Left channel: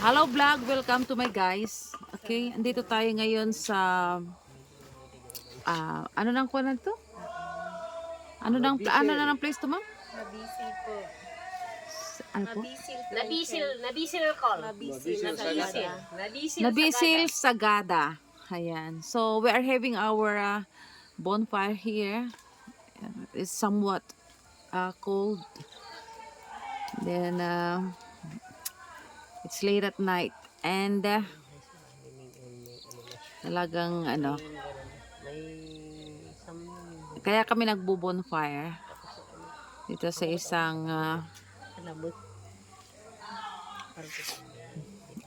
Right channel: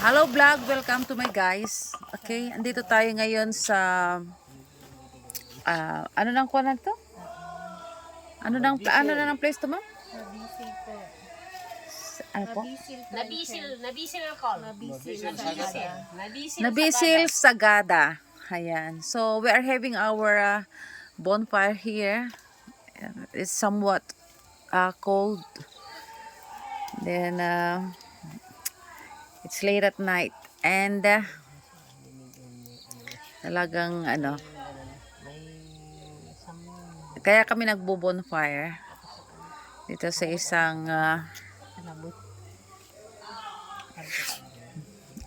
Hello vlog, welcome to my guys. Okay, andito tayo ngayon sa ano nang kuha na to? Ano na ng place to, ma'am? Nabisi po. Ano po? Nabisil call. Nabisil Sagada. Ayan. So we are having our bonfire here. It's somewhat cold. Then it's late at night and talagang kaya kami nagbo-bonfire dito sa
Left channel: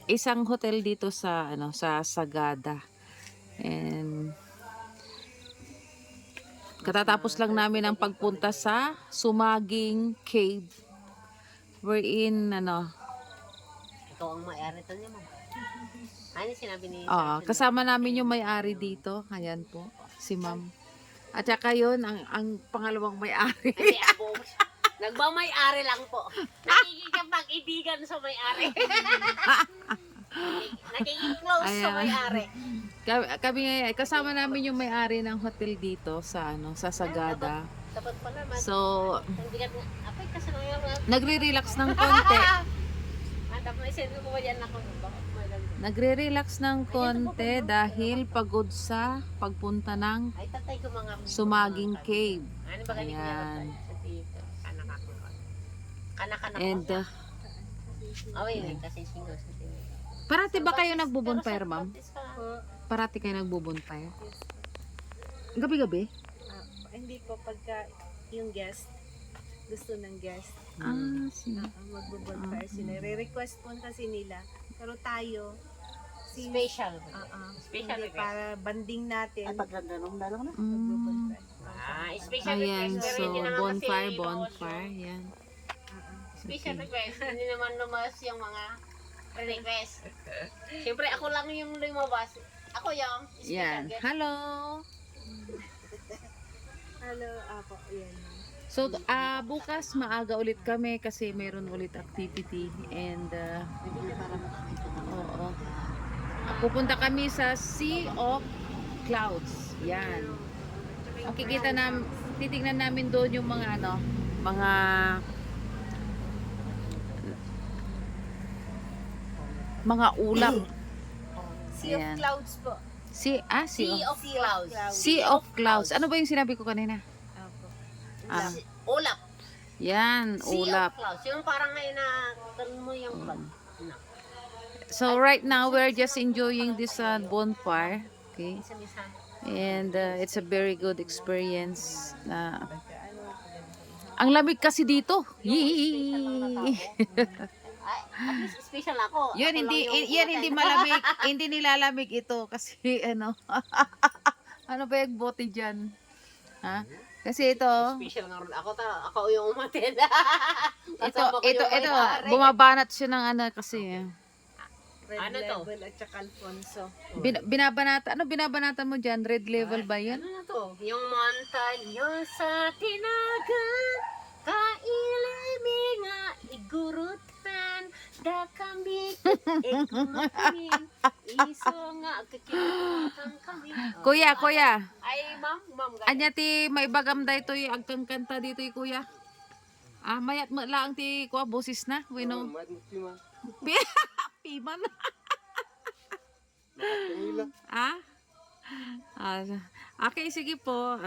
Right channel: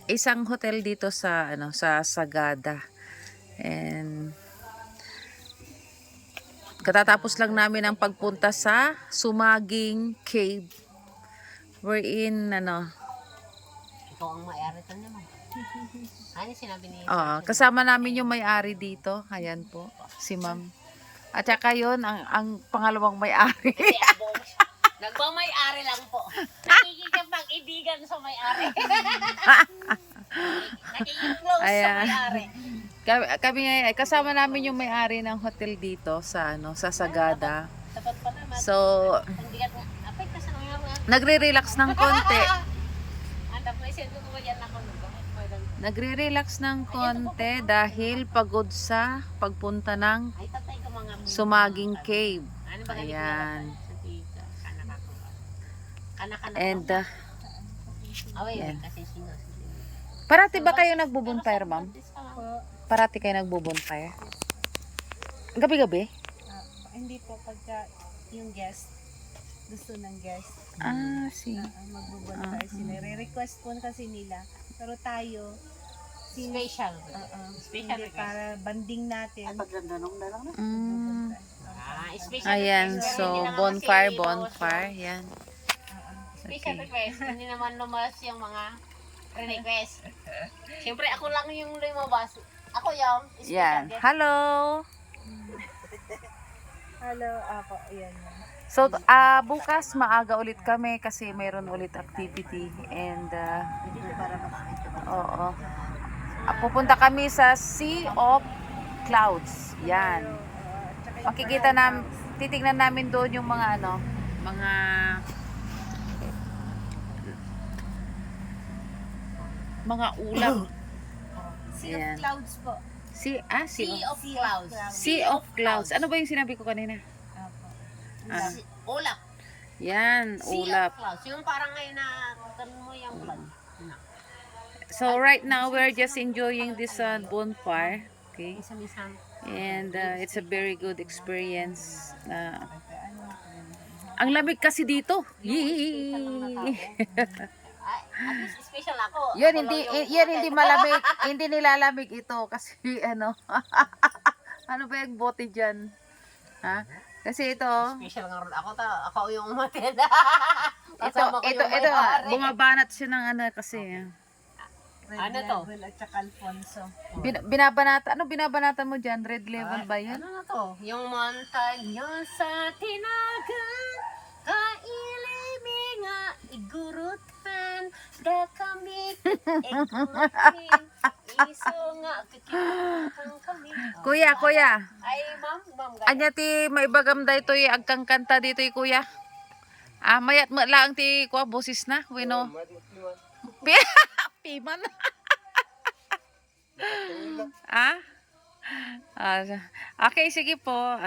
isang hotel dito sa sa Sagada. And katatapos lang namin ang pagpunta sa Sumaging Cave. We're in Ikaw ang may-ari to naman. Ano sinabi ni? Kasama namin yung may-ari dito. Ayan po, si ma'am. At saka yun, ang pangalawang may-ari. Kasi ako, nagmamay-ari lang po. Nakikipag-ibigan sa may-ari. Nakikiclose sa Ayan. may-ari. Kami kasama namin yung may-ari ng hotel dito sa sa Sagada. Tapat pa naman. So, Ang bigat nga. Apay, kasi nang yung nagre-relax ng konti. Tapos isip ko ba yan ako. Nagre-relax ng konti dahil pagod sa pagpunta ng Ay, tatay ko mga. Sumaging Cave. Ano ba Ayan. Kanak-kanak. And Oh, yan. kasi single. parati ba kayo nagbo-bonfire, ma'am? Po. Parati kayo nagbo-bonfire? Gabi-gabi? Hindi po pagka yung guest gusto ng guest See. magbubonfire sila. Re-request po kasi nila. Pero tayo Special. Special hindi, request. para banding natin. Special Ayan, request. so Pero hindi naman bonfire, kasi bonfire, yan. Special Okay. request. Hindi naman lumabas yung mga request. Siyempre ako lang yung lumabas. Ako yung special Yan. guest. Hello! Hello, ako, ayan. So, bukas maaga ulit kami kasi mayroon ulit activity and oo. Pupunta kami sa Sea of Clouds. Yan. Makikita titignan namin doon yung mga mga ulap. Sea Ayan. of Clouds po. Sea of Clouds. Sea of Clouds. Ano ba yung sinabi ko kanina? Apo. Ulap. Yan, Sea ulap. of Clouds. Yung parang ngayon na ganun mo yung flag. So right now we're just enjoying this bonfire. Okay. Isang-isang. And it's a very good experience. Ang lamig kasi dito. Yee! Ay, at least special ako. Yan Ako hindi lang yung yan hotel. hindi malamig, hindi nilalamig ito kasi ano ba yung bote diyan? Ha? Kasi ito Special nga rin. Ako yung umatin. ito bumabanat siya ng kasi Red Ano to? Level at saka Alfonso. binabanatan mo diyan? Red level ba 'yun? Ano na to? Yung montaña sa tinagan, kailimi nga igurutan, dakami igurutin, iso nga kakitang kami. Kuya. Ay, ma'am. Anya ti maibagam da ito agkang kanta dito kuya. Mayat mo lang ti kuha boses na, weno. Piman. Okay, sige po.